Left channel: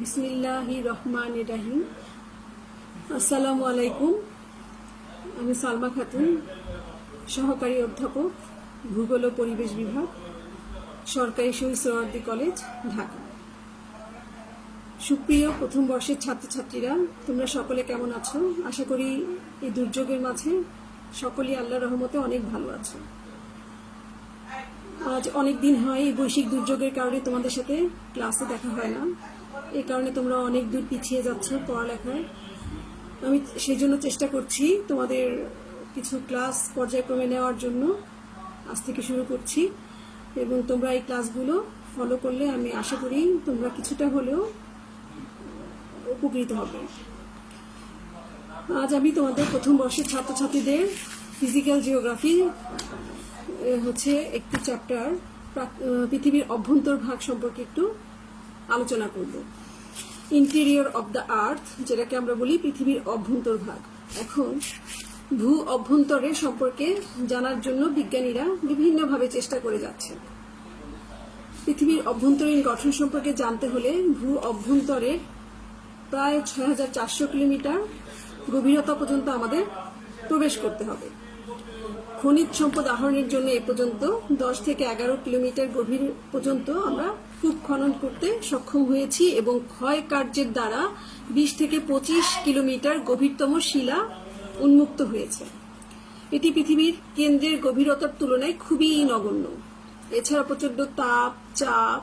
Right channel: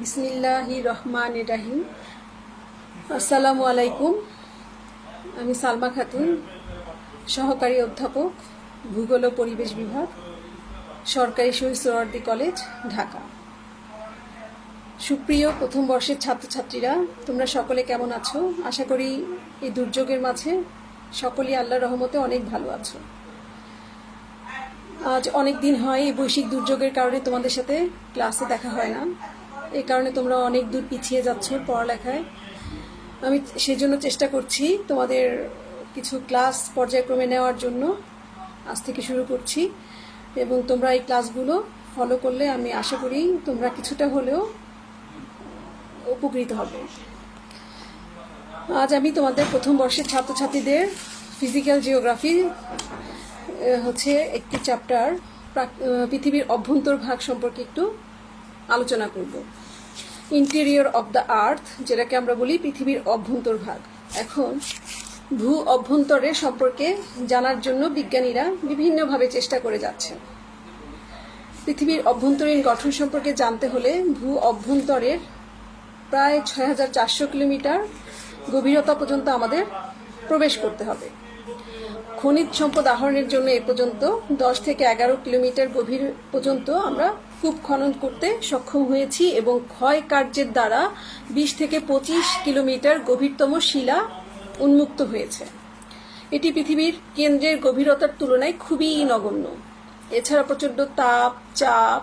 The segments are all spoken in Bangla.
বিসমিল্লাহির রহমানির রহিম। আসসালামু আলাইকুম। আমি সালমা খাতুন, সহকারী অধ্যাপক, ভূগোল ও পরিবেশ বিভাগ, সরকারি শহীদ সোহরাওয়ার্দী কলেজ, ঢাকা। সুপ্রিয় প্রথম বর্ষের ছাত্রছাত্রীরা, তোমরা সকলে কেমন আছো? আশা করি এই দুর্যোগের মাঝে সকলেই আল্লাহর রহমতে অনেক ভালো আছো। আজ অনেক দিন হয় এই বৈশ্বিক দুর্যোগের কারণে তোমাদের সাথে ক্লাসে দেখা হয় না। এই কারণে তোমরা অনেক দূর পিছিয়ে যাচ্ছ পড়ালেখায়। আমি সেই জন্য চেষ্টা করছি তোমাদের কিছু ক্লাস পর্যায়ক্রমে নেওয়ার জন্য। আজ থেকে শুরু করছি এবং তোমরা এই ক্লাসগুলো ফলো করলে আমি আশা করি তোমরা কিছুটা হলেও উপকৃত হবে। আজ আমি তোমাদের প্রথম বর্ষের ছাত্রছাত্রীদের ফিজিক্যাল জিওগ্রাফি হচ্ছে একটি চ্যাপ্টার পৃথিবীর অভ্যন্তর ভাগ সম্পর্কে একটু আলোচনা করব। ইন্টেরিয়র অফ দ্য আর্থ, যেটাকে আমরা বলি পৃথিবীর অভ্যন্তর ভাগ। এখন ভূ অভ্যন্তরের সম্পর্কে জানার জন্য বিজ্ঞানীরা বিভিন্নভাবে চেষ্টা করে যাচ্ছে। পৃথিবীর অভ্যন্তরীণ গঠন সম্পর্কে জানতে হলে ভূ অভ্যন্তরের প্রায় ৬,৪০০ কিলোমিটার গভীরতা পর্যন্ত আমাদের প্রবেশ করতে হবে। খনিজ সম্পদ আহরণের জন্য এ পর্যন্ত 10 থেকে 11 কিলোমিটার গভীর পর্যন্ত আমরা কূপ খনন করতে সক্ষম হয়েছি এবং ক্ষয় কার্যের দ্বারা 20 থেকে 25 কিলোমিটার গভীরতম শিলা উন্মুক্ত হয়েছে। এটি পৃথিবীর কেন্দ্রের গভীরতার তুলনায় খুবই নগণ্য। এছাড়া প্রচণ্ড তাপ, চাপ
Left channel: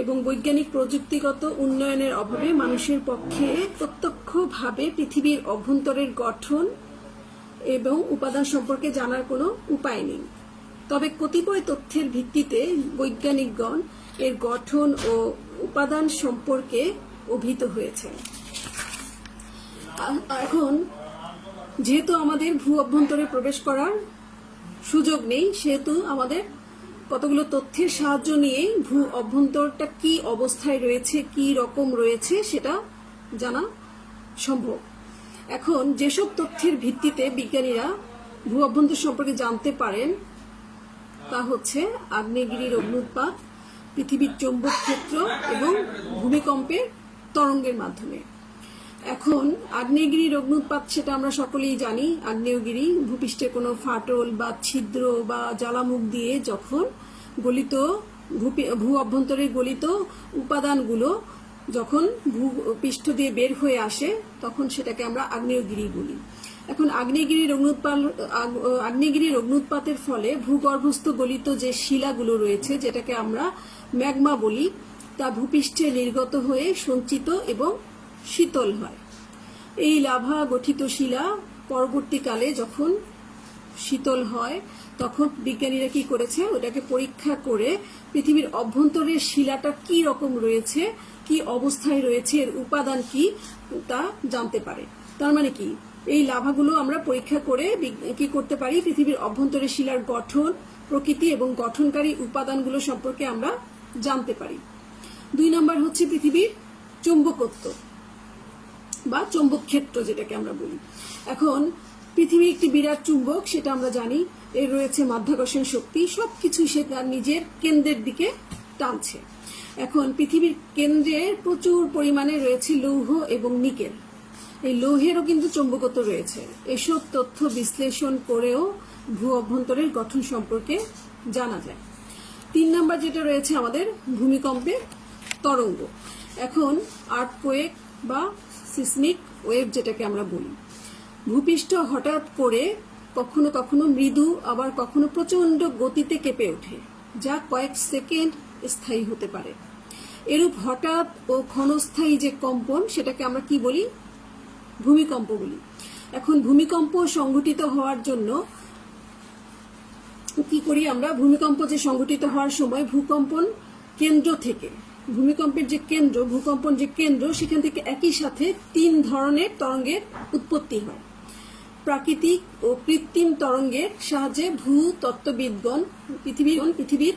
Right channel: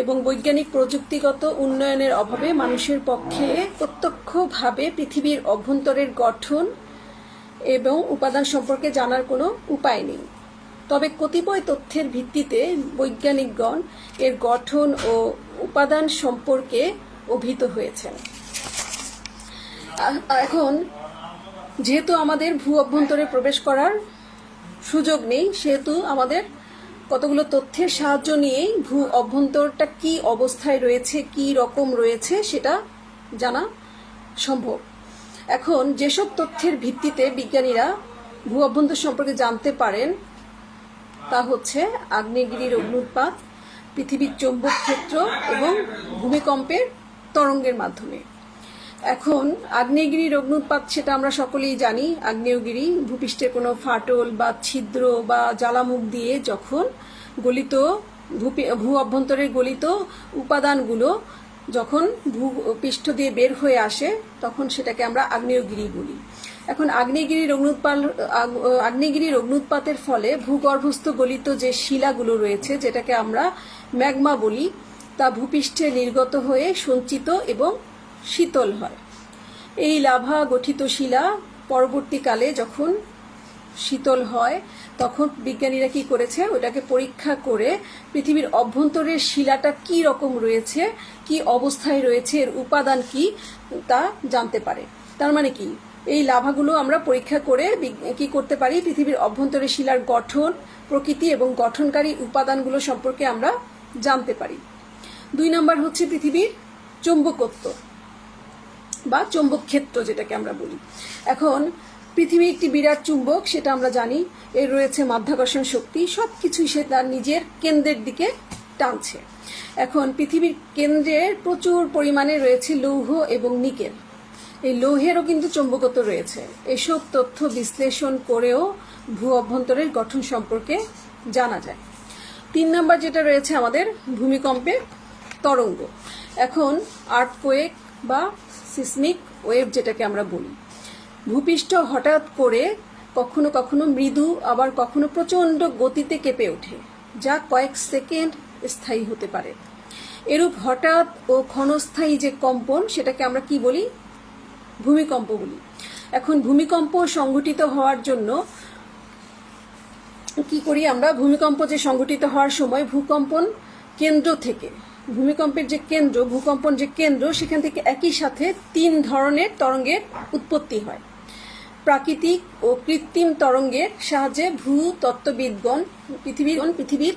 এবং বৈজ্ঞানিক প্রযুক্তিগত উন্নয়নের অভাবে মানুষের পক্ষে প্রত্যক্ষভাবে পৃথিবীর অভ্যন্তরের গঠন এবং উপাদান সম্পর্কে জানার কোনো উপায় নেই। তবে কতিপয় তথ্যের ভিত্তিতে বৈজ্ঞানিকগণ এর গঠন ও উপাদান সম্পর্কে অভিহিত হয়েছেন। এখন যেহেতু আমাদের ভূ অভ্যন্তরে প্রবেশ করার সুযোগ নেই, সেহেতু আমাদের কতগুলো তথ্যের সাহায্য নিয়েই ভূ অভ্যন্তরটা কি অবস্থায় রয়েছে, কি রকম রয়েছে সেটা জানা সম্ভব। এখন যেসব তথ্যের ভিত্তিতে বিজ্ঞানীরা ভূ অভ্যন্তর সম্পর্কে জানতে পারেন তা হচ্ছে আগ্নেয়গিরির অগ্ন্যুৎপাত, পৃথিবীর চৌম্বক ক্ষেত্র এবং ভূমিকম্পের তরঙ্গের মাধ্যমে। এখন আগ্নেয়গিরির অগ্ন্যুৎপাত সেটা আমরা সকলেই জানি। আগ্নেয়গিরি ভূপৃষ্ঠে কোনো ফাটল বা ছিদ্র বা জ্বালামুখ দিয়ে যখন গলিত ভূ অভ্যন্তরে গলিত উপাদানগুলো যখন ভূপৃষ্ঠ দিয়ে বের হয়ে আসে তখন সেটাকে আমরা আগ্নেয়গিরি বলি। এখন আগ্নেয়গিরির অগ্ন্যুৎপাতের ফলে ভূগর্ভস্থ গলিত যে শিলাগুলো রয়েছে, যেটাকে আমরা ম্যাগমা বলি, তা ভূপৃষ্ঠে নির্গত হয়ে সঞ্চিত এবং শীতল হয়। এই লাভা গঠিত শিলা পরবর্তীকালে যখন শীতল হয় তখন বিজ্ঞানীরা কি করেছে, ওটাকে পরীক্ষা করে পৃথিবীর অভ্যন্তরের শিলাটা কি রকম রয়েছে, কি অবস্থায় রয়েছে, এর উপাদান কি তা জানতে পারে। তার মানে কি, এই লাভাগুলো আমরা পরীক্ষা করে কি করতে পারি, পৃথিবীর অভ্যন্তরের শিলার গঠন, প্রকৃতি এবং গঠনকারী উপাদানগুলো সম্পর্কে আমরা জানতে পারি। 2 নম্বর হচ্ছে পৃথিবীর চৌম্বকত্ব বা চৌম্বক ক্ষেত্র, যেটাকে আমরা বলি। এখন পৃথিবী একটি বিরাট চুম্বক, সেটা আমরা জানি। এর রয়েছে মাধ্যাকর্ষণ শক্তি, সবকিছুই সে তার নিজের কেন্দ্রের দিকে টানছে। এখন পৃথিবীর কেন্দ্রে প্রচুর পরিমাণে রয়েছে লৌহ এবং নিকেল। এই লৌহেরও কিন্তু চৌম্বকত্ব রয়েছে। এসব তথ্য বিশ্লেষণ করেও ভূ অভ্যন্তরের গঠন সম্পর্কে জানা যায়। 3 নম্বর যেটা রয়েছে আমাদের ভূমিকম্পের তরঙ্গ। এখন আর্থকোয়েক বা সিসমিক ওয়েভ যেটাকে আমরা বলি, ভূপৃষ্ঠ হঠাৎ করে কখনো কখনো মৃদু আবার কখনো প্রচণ্ড গতিতে কেঁপে ওঠে, যা কয়েক সেকেন্ড স্থায়ী হতে পারে। এরূপ হঠাৎ ও ক্ষণস্থায়ী যে কম্পন, সেটাকে আমরা কি বলি, ভূমিকম্প বলি। এখন ভূমিকম্প সংঘটিত হওয়ার জন্য কি করি আমরা, ভূমিকম্প যে সংঘটিত হওয়ার সময় ভূকম্পন কেন্দ্র থেকে, ভূমিকম্পের যে কেন্দ্র, ভূকম্পন যে কেন্দ্র, সেখান থেকে একই সাথে 3 ধরনের তরঙ্গের উৎপত্তি হয়। প্রাকৃতিক ও কৃত্রিম তরঙ্গের সাহায্যে ভূতত্ত্ববিদগণ পৃথিবীর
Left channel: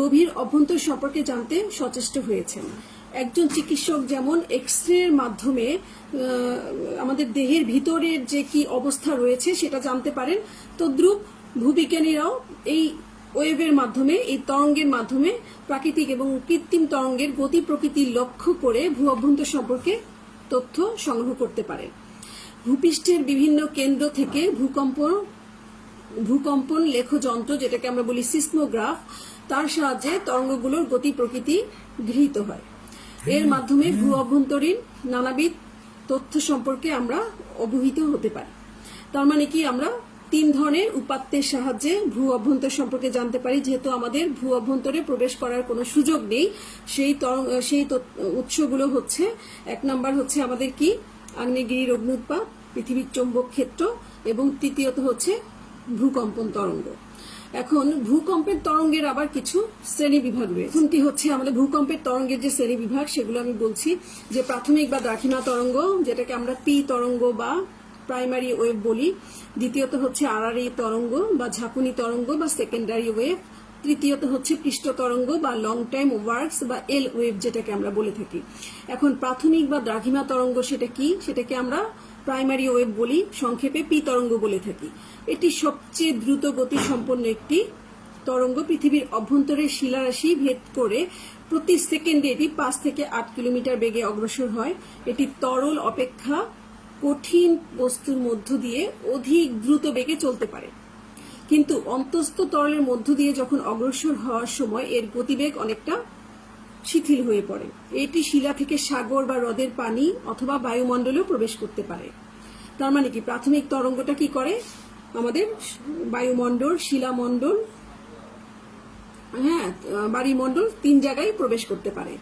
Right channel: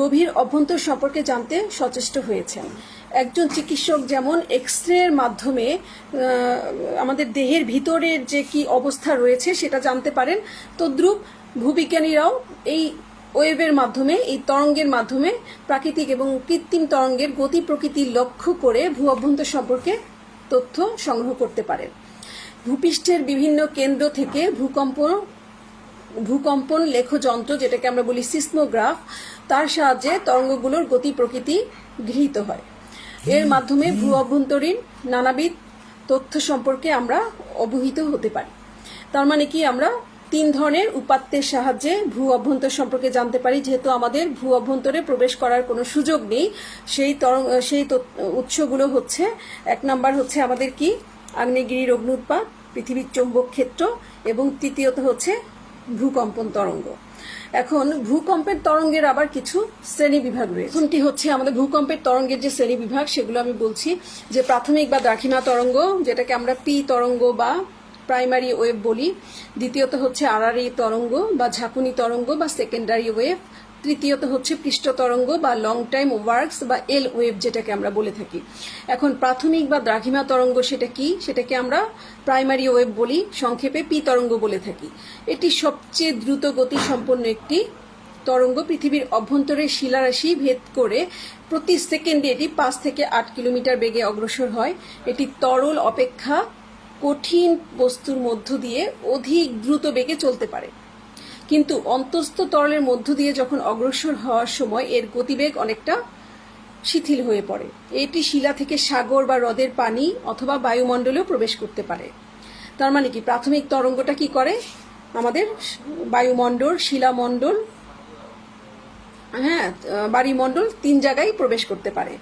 গভীর অভ্যন্তর সম্পর্কে জানতে সচেষ্ট হয়েছেন। একজন চিকিৎসক যেমন এক্স-রে মাধ্যমে আমাদের দেহের ভিতরের যে কি অবস্থা রয়েছে সেটা জানতে পারেন, তদ্রূপ ভূবিজ্ঞানীরাও এই ওয়েভের মাধ্যমে, এই তরঙ্গের মাধ্যমে প্রাকৃতিক এবং কৃত্রিম তরঙ্গের গতি প্রকৃতি লক্ষ্য করে ভূ অভ্যন্তর সম্পর্কে তথ্য সংগ্রহ করতে পারেন। ভূপৃষ্ঠের বিভিন্ন কেন্দ্র থেকে ভূকম্পন লেখ যন্ত্র, যেটাকে আমরা বলি সিসমোগ্রাফ, তার সাহায্যে তরঙ্গগুলোর গতি প্রকৃতি গৃহীত হয়। এর মাধ্যমে ভূ অভ্যন্তরীণ নানাবিধ তথ্য সম্পর্কে আমরা অবহিত হতে পারি। তার মানে কি, আমরা 3 ধরনের উপাত্তের সাহায্যে ভূ অভ্যন্তর সম্পর্কে জানতে পারি। যেহেতু আমাদের ভূ অভ্যন্তরে প্রবেশ করার কোনো সুযোগ নেই, সেই উৎসগুলো হচ্ছে, 1 নাম্বার হচ্ছে আমাদের কি, আগ্নেয়গিরির অগ্ন্যুৎপাত, পৃথিবীর চৌম্বক ক্ষেত্র, এবং তৃতীয়ত হচ্ছে ভূকম্পন তরঙ্গ। এখন ভূকম্পের তরঙ্গের আবার কিছু শ্রেণী বিভাগ রয়েছে। প্রথমটি হচ্ছে আমাদের ভূকম্পের তরঙ্গের যে শ্রেণী বিভাগ, সেগুলো আমি বলছি। যে প্রাথমিক বা দ্রাঘিমা তরঙ্গ, যেটাকে আমরা পি তরঙ্গ বা প্রাইমারি ওয়েভ বলি। দ্বিতীয়ত হচ্ছে আড়াআড়ি তরঙ্গ বা ঝাঁকুনি তরঙ্গ বা সেকেন্ডারি ওয়েভ। তৃতীয়ত হচ্ছে পৃষ্ঠ তরঙ্গ বা লং টাইম ওয়ার্কস বা এল ওয়েভ, যেটাকে আমরা বলে থাকি। এখন প্রাথমিক বা দ্রাঘিমা তরঙ্গ সেটা কি, সেটাকে আমরা প্রাইমারি ওয়েভ বলি, সংক্ষেপে পি তরঙ্গ বলে থাকি। এটি সবচেয়ে দ্রুত গতি সম্পন্ন একটি তরঙ্গ। পৃথিবীর অভ্যন্তরে শিলারাশি ভেদ করে প্রতি সেকেন্ডে এটি 5 থেকে 8 কিলোমিটার বেগে অগ্রসর হয়। এটি তরল অপেক্ষা কঠিন বস্তুর মধ্য দিয়ে অধিক দ্রুত বেগে চলতে পারে, কিন্তু অন্তঃস্থ তরলের মধ্য দিয়ে যখন অগ্রসর হওয়ার সময় এর গতিবেগ অনেকটা শিথিল হয়ে পড়ে। এটি শিলা থেকে সাগর বা হ্রদের পানি অথবা বায়ুমণ্ডলেও প্রবেশ করতে পারে। তার মানে কি, প্রাথমিক তরঙ্গটা কি করে, আমাদের বায়ুমণ্ডল, শিলামণ্ডল, বায়ুমণ্ডল 3 জায়গায় প্রবেশ করতে পারে।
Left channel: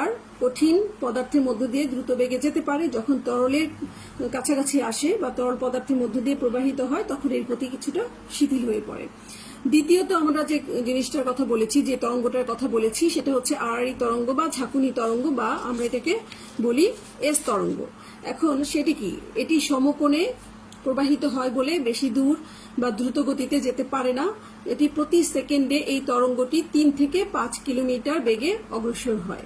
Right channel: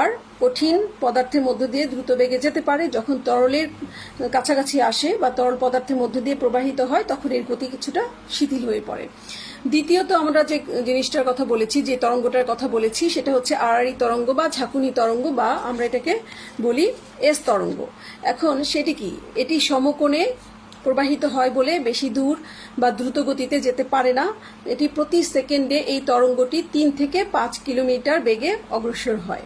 আর কঠিন পদার্থের মধ্য দিয়ে দ্রুত বেগে যেতে পারে। যখন তরলের কাছাকাছি আসে বা তরল পদার্থের মধ্য দিয়ে প্রবাহিত হয়, তখন এর গতি কিছুটা শিথিল হয়ে পড়ে। দ্বিতীয়ত আমরা যে জিনিসটার কথা বলেছি, যে তরঙ্গটার কথা বলেছি, সেটা হচ্ছে আড়াআড়ি তরঙ্গ বা ঝাঁকুনি তরঙ্গ, বা আমরা এটাকে বলি এস তরঙ্গ। এখন সেটি কি, এটি সমকোণে প্রবাহিত হয় বলে বেশি দূর বা দ্রুত গতিতে যেতে পারে না। এটি প্রতি সেকেন্ডে এই তরঙ্গটি 3 থেকে 5 কিলোমিটার বেগে অগ্রসর হয়।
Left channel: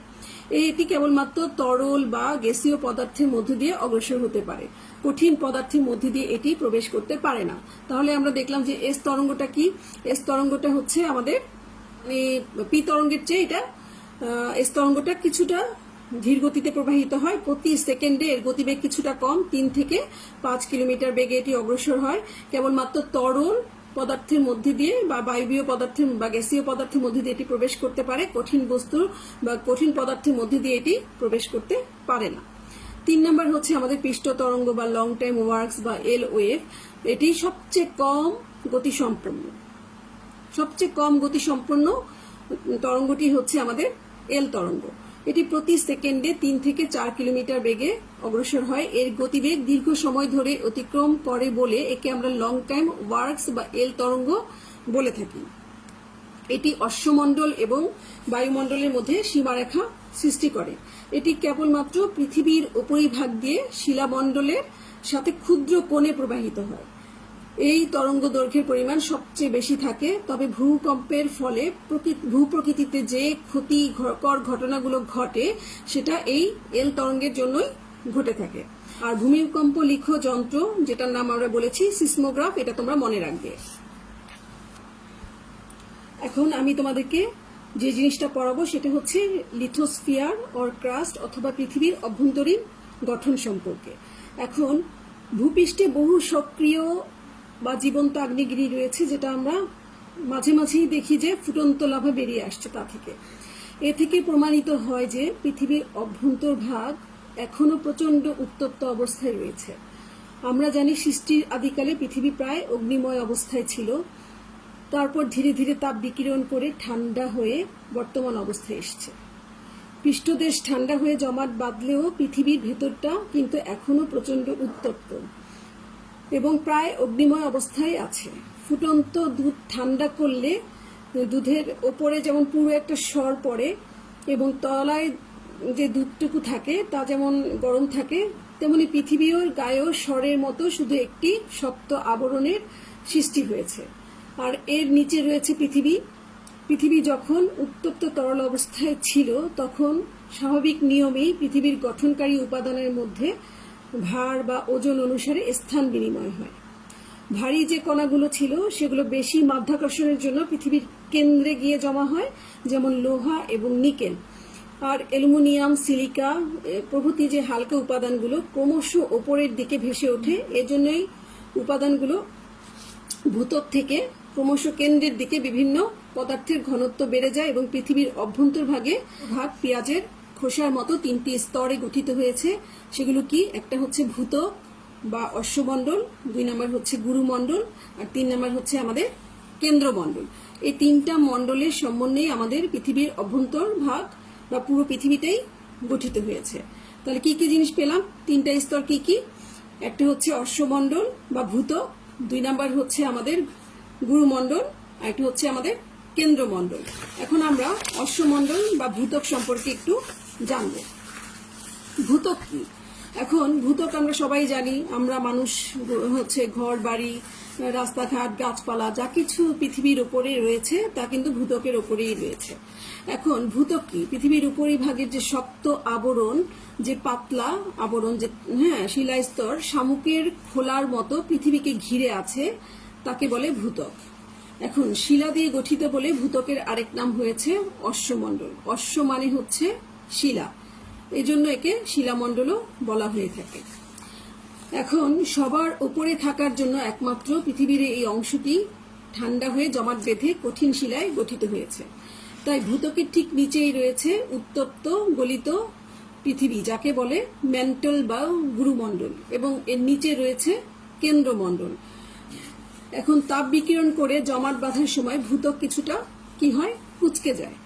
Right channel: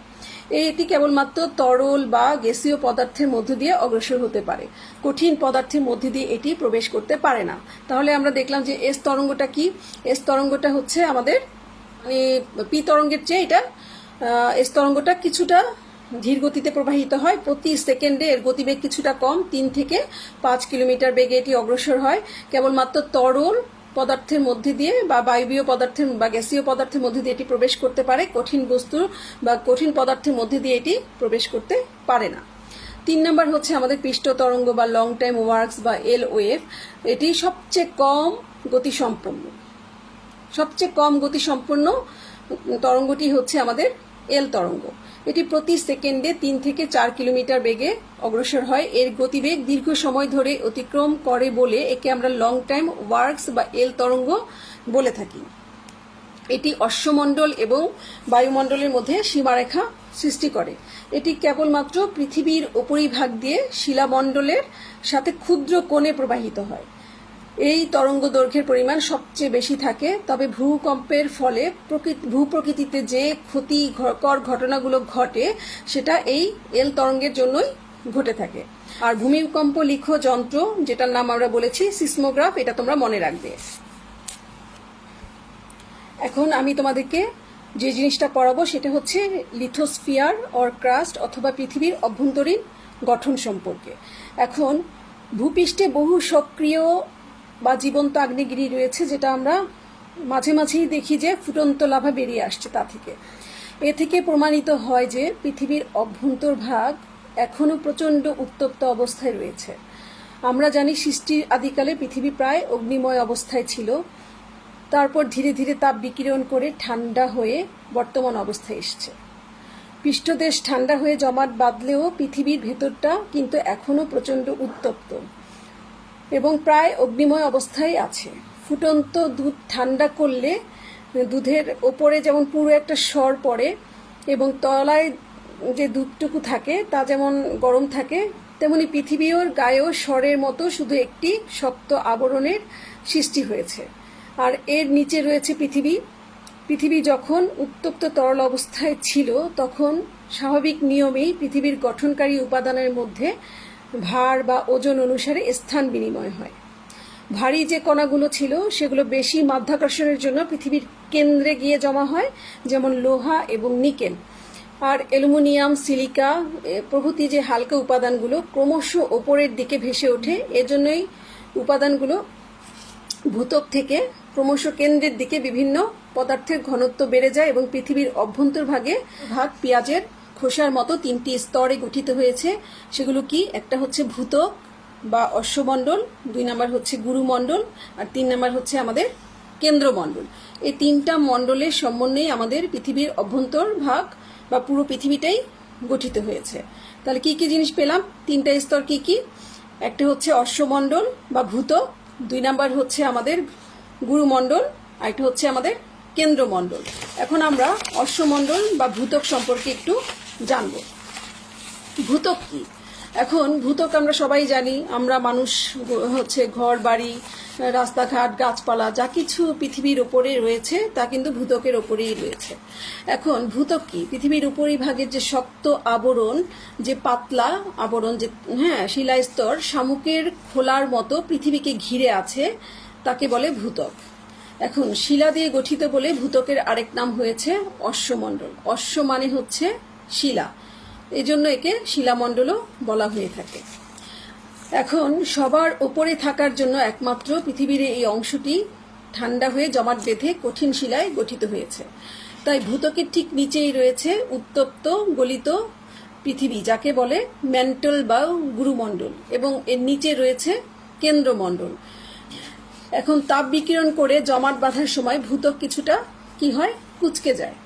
এটি কেবলমাত্র তরল বা গ্যাসীয় পদার্থের মধ্য দিয়ে অগ্রসর হতে পারে, কঠিন পদার্থের মধ্যে দিয়ে এটি প্রবেশ করতে পারে না। তাহলে আমরা দেখলাম যে এস তরঙ্গটা কি, এস তরঙ্গটা হচ্ছে আমাদের পি তরঙ্গের চেয়ে এটা এস তরঙ্গটা কিছুটা ধীর গতিতে প্রবাহিত হয়। প্রতি সেকেন্ডে এর গতিবেগ কিছুটা কম, 3 থেকে 5 কিলোমিটার বেগে এটি অগ্রসর হয়। কেবলমাত্র তরল পদার্থের মধ্যে দিয়ে বা বায়বীয় পদার্থের বা গ্যাসীয় পদার্থের মধ্যে দিয়ে এটি প্রবেশ করতে পারে, কঠিন বস্তু বা কঠিন পদার্থের মধ্যে দিয়ে এটি প্রবেশ করতে পারে না। 3 নম্বর হচ্ছে আমাদের পৃষ্ঠ তরঙ্গ বা লং টাইম ওয়ার্কস বা এল ওয়েভ। এটি সবচেয়ে কম গতিসম্পন্ন তরঙ্গটি হচ্ছে আমাদের এল তরঙ্গ। এটি প্রতি সেকেন্ডে 3 থেকে 4 কিলোমিটার বেগে অগ্রসর হয়। এর গতিবেগ দীর্ঘ সময় ধরে অতিক্রম করে বলে একে আমরা লং টাইম ওয়ার্কস বা এল তরঙ্গ বলে থাকি। এটি অশ্বমণ্ডল এবং বায়ুমণ্ডলের মধ্যে সীমারেখা সৃষ্টি করে। এটি কেবলমাত্র পৃথিবীর উপরিভাগ দিয়ে শিলামণ্ডলের সাথে ক্ষুদ্র কোণে প্রবাহিত হয়। এই তরঙ্গ দৈর্ঘ্যের পরিমাণ সবচেয়ে বেশি থাকে। তবে ভূকম্পের ফলে ভূপ্রকৃতিতে যে ক্ষতিকর ঘটনাগুলো ঘটে, সেটা এই এল তরঙ্গের জন্যই ঘটে থাকে। আর ভূমিকম্প লিখ যন্ত্র, যেটার নাম আমরা বলেছি সিসমোগ্রাফ, এটা তোমরা মনে রাখবে। এখন আমি তোমাদেরকে যে জিনিসটা পড়াবো সেটা হচ্ছে লিথোস্ফিয়ার অর ক্রাস্ট অথবা পৃথিবীর অভ্যন্তরীণ গঠন সম্পর্কে। এখন ভূপৃষ্ঠে বহু সক্রিয় বা জীবন্ত আগ্নেয়গিরি রয়েছে, যেটা আমরা মাঝে মাঝেই দেখি যে ফুটন্ত লাভা বেরিয়ে আসছে তা থেকে। এ থেকে প্রমাণিত হয় যে পৃথিবীর অভ্যন্তরভাগ এখনও প্রচণ্ড উত্তপ্ত অবস্থায় রয়েছে। আমরা জানি সৃষ্টির আদিকালে পৃথিবী প্রায় অগ্নিময় অবস্থায় ছিল, তারপর ধীরে ধীরে তাপ বিকিরণ করে ঠান্ডা হয়ে বর্তমান অবস্থায় এসছে। পৃষ্ঠদেশ ঠান্ডা হয়ে জমাট বাঁধলেও পৃথিবীর ভেতরটা কিন্তু এখনও প্রচণ্ড উত্তপ্ত এবং প্রায় অগ্নিময় অবস্থায় আছে। ফুটন্ত দুধ ঠান্ডা করলে দুধের ওপরে যেমন পুরো একটা স্বর পড়ে এবং তলায় যে দুধটুকু থাকে তা যেমন গরম থাকে, তেমনি পৃথিবীর গায়েও স্বরের মতো শুধু একটি শক্ত আবরণের সৃষ্টি হয়েছে। আর এর নিচে রয়েছে পৃথিবী। পৃথিবী যখন উত্তপ্ত তরল অবস্থায় ছিল, তখন স্বাভাবিক নিয়মেই পৃথিবীর গঠনকারী উপাদানের মধ্যে ভার বা ওজন অনুসারে স্থান বিনিময় হয়। ভারী যে কণাগুলো ছিল সেগুলো বেশি মাধ্যাকর্ষণের জন্য পৃথিবীর কেন্দ্রে গিয়ে জমা হয়, যেমন লোহা এবং নিকেল। আর অ্যালুমিনিয়াম, সিলিকা প্রভৃতি যে হালকা উপাদানগুলো ক্রমশ ওপরের দিকে ভেসে ওঠে। এজন্যই উপাদানগুলো ভূত্বক থেকে ক্রমশ কেন্দ্রের দিকে বিভিন্ন পদার্থের ঘনত্ব বেড়ে যায় এবং পৃথিবীর ভাগ পেঁয়াজের খোসার মতো 3টি স্তরে গঠিত হয়েছে। সেগুলো কি? একটা হচ্ছে ভূত্বক বা অশ্বমণ্ডল, 2 নম্বর হচ্ছে গুরুমণ্ডল, আর 3 নম্বর হচ্ছে আমাদের কেন্দ্রমণ্ডল। এই 3টা মণ্ডলের সমন্বয়ে আমাদের পৃথিবীর ভাগ বা পুরো পৃথিবীটাই গঠিত হয়েছে। তাহলে কি কি জিনিস পেলাম? 3টা স্তর কি কি? একটা হচ্ছে অশ্বমণ্ডল বা ভূত্বক, 2 নম্বর হচ্ছে আমাদের গুরুমণ্ডল, আর একটা হচ্ছে আমাদের কেন্দ্রমণ্ডল। এখন আমরা অশ্বমণ্ডল বা ভূত্বক সম্পর্কে একটু জানব। ভূত্বক কি? এখন ভূত্বক আমরা সবাই জানি, আমরা মানুষ হচ্ছে ঘর বাড়ি, রাস্তাঘাট, গাছপালা যা কিছু পৃথিবীর উপরে রয়েছে তা কিন্তু ভূত্বকের উপরেই রয়েছে। এখন ভূত্বক কি? পৃথিবীর উপরিভাগের যে শক্ত আবরণ, যে পাতলা আবরণ, যে শিলাস্তর শামুকের খোলার মতো পৃথিবীকে ঘিরে আছে, তাকে বলে ভূত্বক। এখন শিলা দিয়ে গঠিত বলে ভূত্বকের আরেক নাম হয়েছে অশ্বমণ্ডল। অশ্ব মানে হচ্ছে শিলা, এজন্য একে শিলামণ্ডলও বলা হয়ে থাকে। এখন সবার উপরে থাকার জন্য একমাত্র পৃথিবীর এই অংশটি ঠান্ডা হয়ে জমাট বেঁধে কঠিন শিলায় গঠিত হয়েছে। তাই ভূত্বকের ঠিক নিচেই রয়েছে উত্তপ্ত গলিত পৃথিবী, যাকে বলে ম্যান্টল বা গুরুমণ্ডল, এবং এর নিচে রয়েছে কেন্দ্রমণ্ডল। এখন তাপ বিকিরণ করে জমাট বাঁধার সময় ভূত্বক কিছুটা কি হয়? কুঁচকে যায়,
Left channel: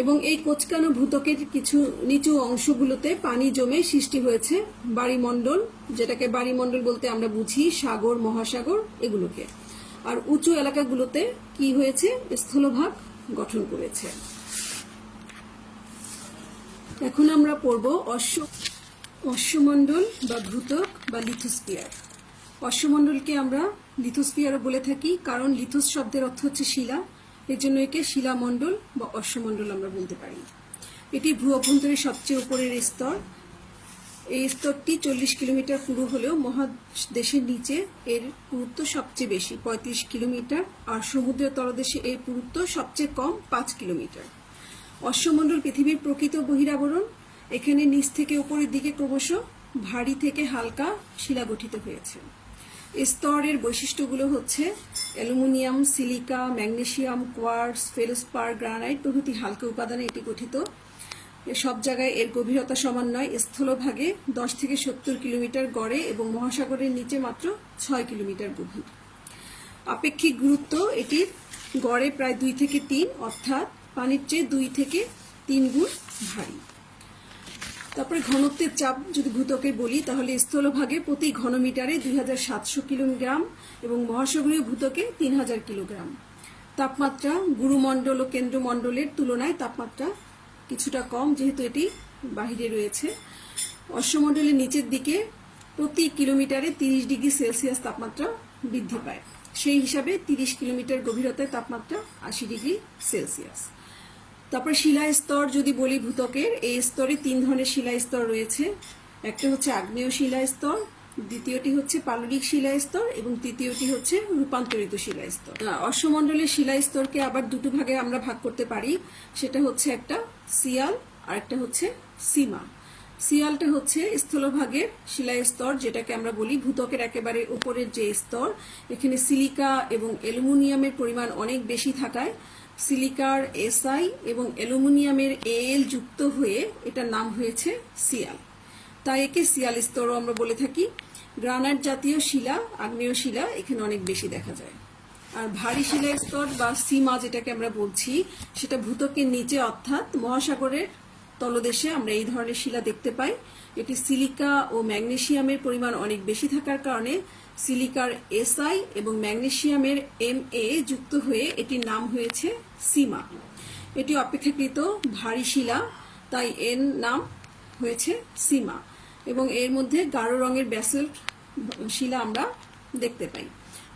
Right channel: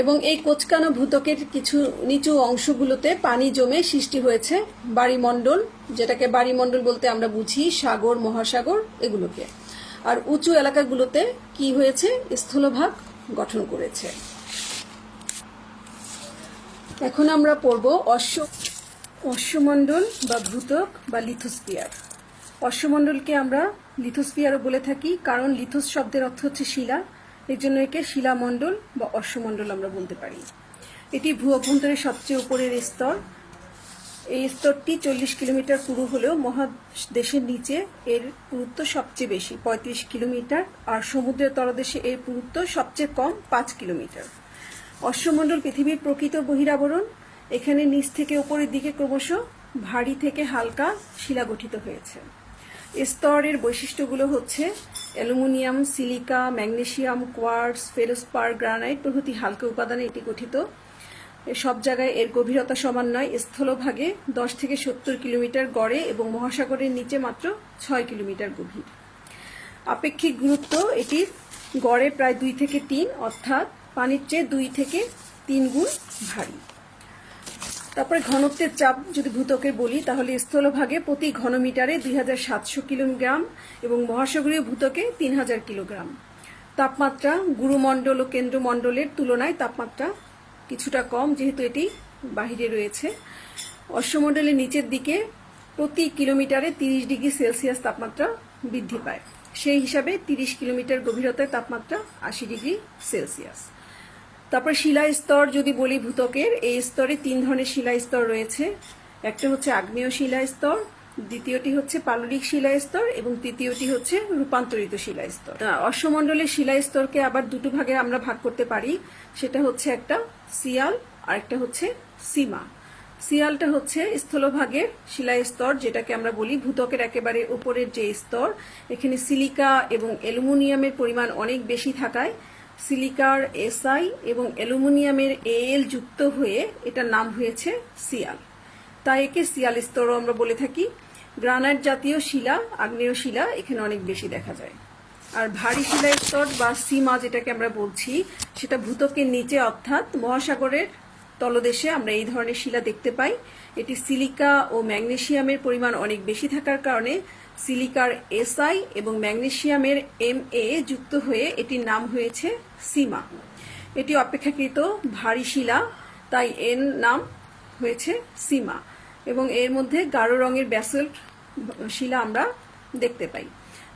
এবং এই কোঁচকানো ভূত্বকের কিছু নিচু অংশগুলোতে পানি জমে সৃষ্টি হয়েছে বায়ুমণ্ডল, যেটাকে বায়ুমণ্ডল বলতে আমরা বুঝি সাগর, মহাসাগর এগুলোকে। আর উঁচু এলাকাগুলোতে কি হয়েছে? স্থলভাগ গঠন করেছে। এখন আমরা পড়ব অশ্বমণ্ডল বা ভূত্বক বা লিথোস্ফিয়ার। অশ্বমণ্ডলকে আমরা লিথোস্ফিয়ারও বলে থাকি, কারণ লিথোস শব্দের অর্থ হচ্ছে শিলা, এর জন্য একে শিলামণ্ডল বা অশ্বমণ্ডল আমরা বলতে পারি। এটি ভূ অভ্যন্তরের সবচেয়ে উপরের স্তর। এই স্তরটি 40 কিলোমিটার পুরু হলেও মহাদেশের নিচে এর পুরুত্ব সবচেয়ে বেশি, 35 কিলোমিটার, আর সমুদ্রের তলদেশে এর পুরুত্ব সবচেয়ে কম, 5 কিলোমিটার। অশ্বমণ্ডল পৃথিবীর প্রকৃত বহিরাবরণ। এখানে নিচ থেকে উপরের দিকে ক্রমশ ভারী থেকে হালকা শিলা গঠিত হয়েছে। স্তরের বৈশিষ্ট্যগুলো হচ্ছে aluminium, silica, magnesium, quartz, feldspar, granite প্রভৃতি হালকা উপাদানে এটি গঠিত। সব জায়গায় এর গভীরতা সমান নয়। স্থলভাগে 10 থেকে 70 কিলোমিটার গড়ে এবং মহাসাগরের নিচে মাত্র 6 কিলোমিটার গভীর। আপেক্ষিক গুরুত্ব এটির গড়ে প্রায় 2 থেকে 3, অর্থাৎ পানির চেয়ে 2 থেকে 3 গুণ ভারী। তারপরে ঘনত্বের চাপ যদি ভূত্বকের বলি, তাহলে স্থলভাগে প্রতি ঘনমিটারে 2700 কিলোগ্রাম এবং মহাসাগরীয় ভূত্বকে 3000 কিলোগ্রাম। তাপমাত্রা গুরুমণ্ডল ও কেন্দ্রমণ্ডলের তুলনায় তাপমাত্রা কিছুটা কম, যেহেতু এটি বাহিরে রয়েছে। অশ্বমণ্ডলের নিচের দিকে প্রতি কিলোমিটারে 30 ডিগ্রি সেলসিয়াস তাপমাত্রা বৃদ্ধি পায়। সেই হিসাবে 30 কিলোমিটার গভীরতায় তাপমাত্রা 80 ডিগ্রি সেলসিয়াস। তারপর শিলা স্তর যদি বলি ভূত্বকের, এই স্তরে 3 ধরনের শিলা স্তর রয়েছে। একটা হচ্ছে আগ্নেয় শিলা স্তর, দ্বিতীয়টি হচ্ছে পাললিক শিলা স্তর এবং তৃতীয়টি হচ্ছে রূপান্তরিত শিলা স্তর। অশ্বমণ্ডলের শিলা স্তরকে আবার দুটো ভাগে আমরা ভাগ করতে পারি, সেটা হচ্ছে একটা সিয়াল আর একটা হচ্ছে সীমা। সিয়ালটা হচ্ছে স্থলভাগের শিলা স্তর, যেটাকে আমরা বলি ভূত্বকের একেবারে উপরের যে স্তর। এখানে সিলিকা এবং অ্যালুমিনিয়ামের পরিমাণ অনেক বেশি থাকায় সিলিকার SI এবং অ্যালুমিনিয়ামের AL যুক্ত হয়ে এটার নাম হয়েছে সিয়াল, তাই একে সিয়াল স্তরও আমরা বলে থাকি। গ্রানাইট জাতীয় শিলা, আগ্নেয় শিলা এখানে অনেক বেশি দেখা যায়। আর ভারী শিলা স্তর বা সীমা যেটাকে আমরা বলছি, সেটা ভূত্বকের নিচে অর্থাৎ মহাসাগরের তলদেশে আমরা এই ধরনের শিলা দেখতে পাই। এটি সিলিকা ও ম্যাগনেসিয়ামের পরিমাণ অনেক বেশি থাকার কারণে সিলিকার SI এবং ম্যাগনেসিয়ামের MA যুক্ত হয়ে এটির নাম হয়েছে সীমা। এটি অপেক্ষাকৃত ভারী শিলা, তাই এর নাম হয়েছে সীমা, এবং এর মধ্যে গাঢ় রঙের ব্যাসল্ট শিলা আমরা দেখতে পাই।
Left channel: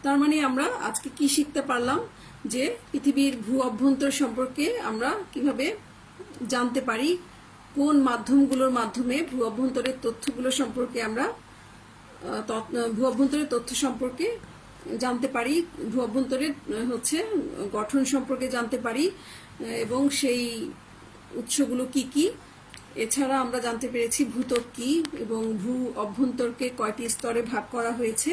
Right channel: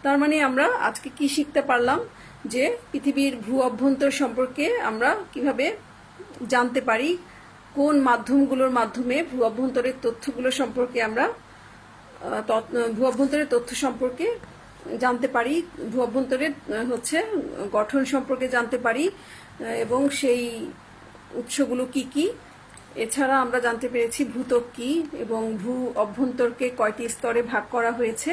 তার মানে আমরা আজকে কি শিখতে পারলাম? যে পৃথিবীর ভূ অভ্যন্তর সম্পর্কে আমরা কিভাবে জানতে পারি, কোন মাধ্যমগুলোর মাধ্যমে ভূ অভ্যন্তরের তথ্যগুলো সম্পর্কে আমরা ভূ অভ্যন্তরের তথ্য সম্পর্কে জানতে পারি, ভূ অভ্যন্তরের হচ্ছে গঠন সম্পর্কে জানতে পারি এবং সেই উৎসগুলো কি কি। এছাড়া আমরা জানতে পেরেছি ভূত্বক কি এবং ভূ অভ্যন্তরকে কয়টি স্তরে ভাগ করা হয়েছে।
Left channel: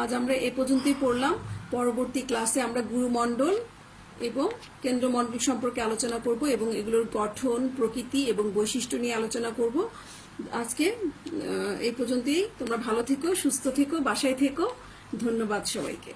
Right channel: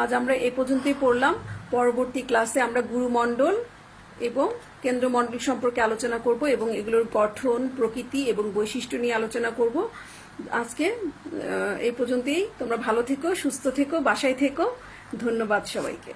আজ আমরা এ পর্যন্তই পড়লাম। পরবর্তী ক্লাসে আমরা গুরুমণ্ডল এবং কেন্দ্রমণ্ডল সম্পর্কে আলোচনা করব এবং এগুলোর গঠন, প্রকৃতি এবং বৈশিষ্ট্য নিয়ে আলোচনা করব। আজকে এই পর্যন্তই। তোমরা ভালো থেকো, সুস্থ থেকো, বাসায় থেকো। ধন্যবাদ সবাইকে।